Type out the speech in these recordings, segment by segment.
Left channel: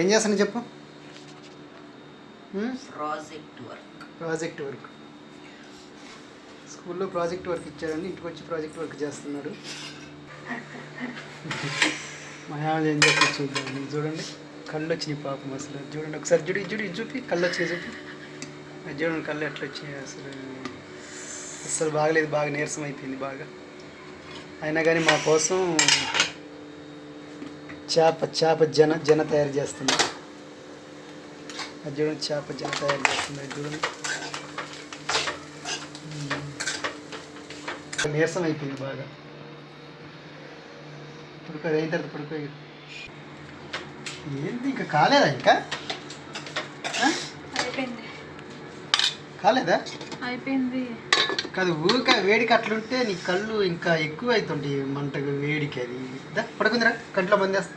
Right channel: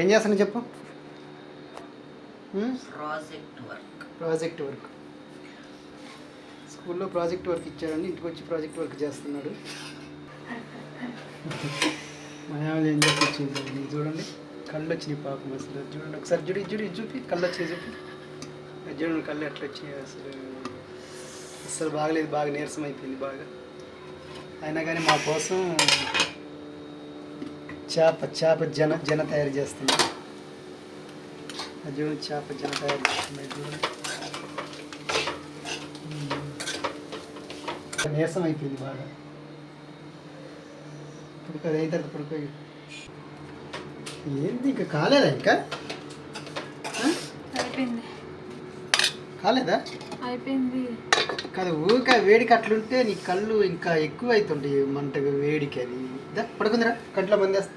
ఏం చేస్తాను చెప్పు? ప్రాజెక్ట్ వర్క్ ప్రాజెక్ట్ వర్క్ స్కూల్లో ప్రాజెక్ట్ వర్క్ ఇచ్చారని ఇంటికి వచ్చి ప్రాజెక్ట్ వర్క్ చేస్తున్నాడు. మా ఆమె ఏం చేస్తే చూద్దాం నీకు చూడండి. కళ్ళు వచ్చినాయి పాపం అసలు. చూడండి ఒకసారి చూడు చూడు చూపి కళ్ళు వచ్చినాయి చూపి చూడండి కళ్ళు ఎట్లా వచ్చినాయి అసలు. అసలు బాగలేదు బాగా నీరసం అయిపోయింది బాగా. అయినా కానీ మా కోసం చేప చేప జన జన తయారు చేస్తుంది అది చూడండి చేప జన తయారు చేస్తుంది నీరసం అయిపోయింది బాగా. పడుకో అయిన తర్వాత పడుకో ఏంది ఇంకా కాలేదా ఇంకా? అయిపోయింది. కాలేదా? అయిపోయింది. కాదు ఊక వేడికి అట్లుంటే నీ కళ్ళు ఇంకా ఎక్కువ అవుతుంటాయి మంటగా వేడికి అది. దా పడుకుందిరా కంట్లో మందేస్తా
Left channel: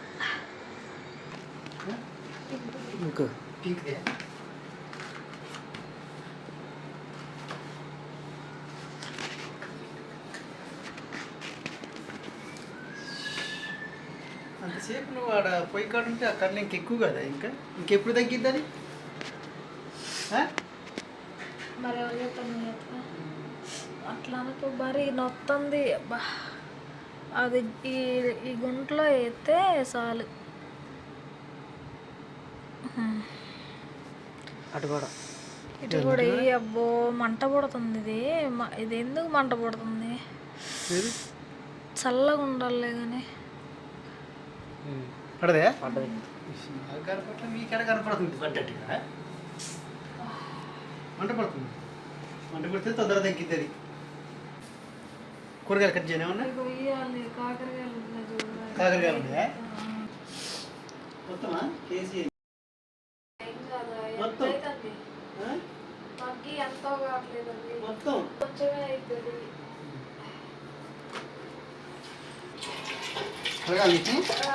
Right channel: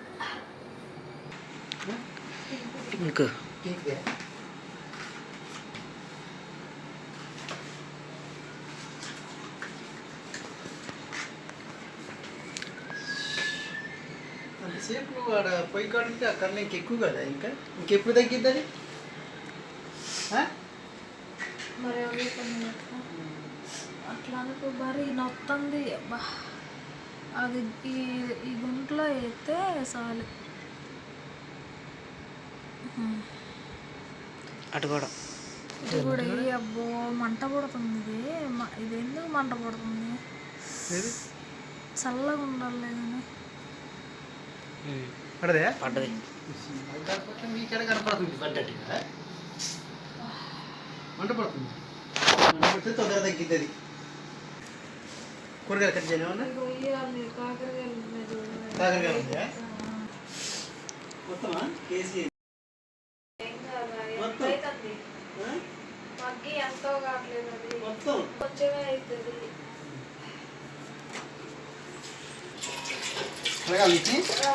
ఇంకా. పీకే అంతసేపు నువ్వు ఆడ పొయ్యి కాడ ఉంటే ఆ కన్ను ఇంక ఎక్కువ కదా ఇంకా? ఇంకెప్పుడు తగ్గిద్ది అది? ఆ? మరి ఎవరు చెప్పండి అట్లా అనుకో మరి నొత్తంది. అబ్బా అది ఈ ఈ గుంట్లో వేస్తే చాలు. అటు కూడా. ఇది కూడా వేయి అబ్బో మంట పడుతుంది ఇది. ఇది ఎందుకు మంట పడుతుంది? చల్లగా ఉండాలి కానీ పడదే? పడ్డది. కనపడుతుంది. పడ్డట్టుగా మంట పడుతుంది. మంట పడితే తొందరగా తగ్గిద్ది కూరగాయలు కట్ వేయాలి కాకరకాయలు ఉన్నాయి. మొత్తమా? కేజీ మొత్తం? మొత్తం? కొంచెమే అవుతుంది కడగాలి నీకు? ఆ,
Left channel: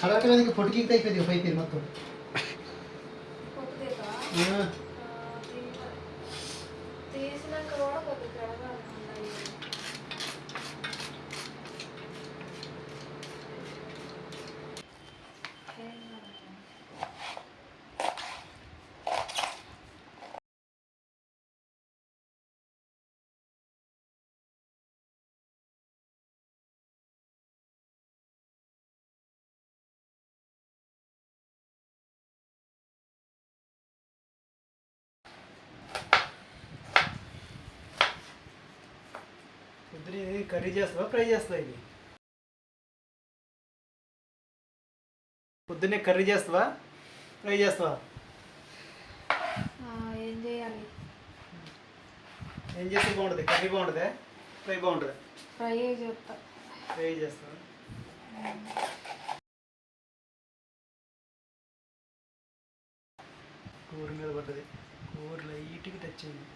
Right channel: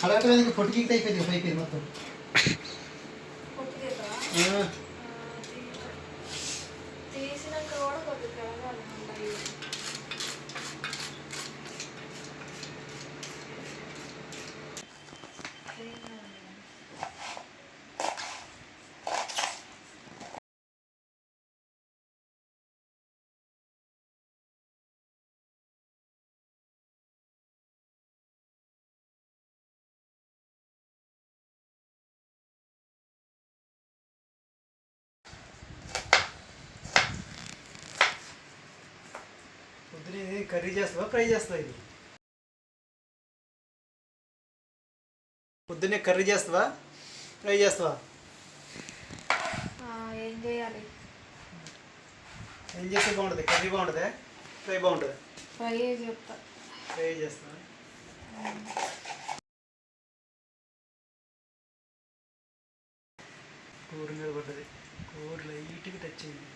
కడగటం ఎందుకు పొట్టు గీత అయిపోయింది ఇక పైపోయింది మొత్తం. తీద్దామా? ఆ, ఆ, తీ- తీసినాక కూడా ఇది కర్రీ చేస్తావా? ఫ్రై చేస్తావా ఇది? పొద్దున్నే కర్రీ చేస్తావా? ఫ్రై చేస్తావా? ఏం చేయాలి? ఏం చేస్తే బాగుంటుంది? కర్రీ బాగుంటుందా? ఫ్రై బాగుంటుందా? ఫ్రై చెప్తా ఫ్రై చేస్తావా? కూర మీద పడ్డది. కూర లైట్గా టచ్ అయింది.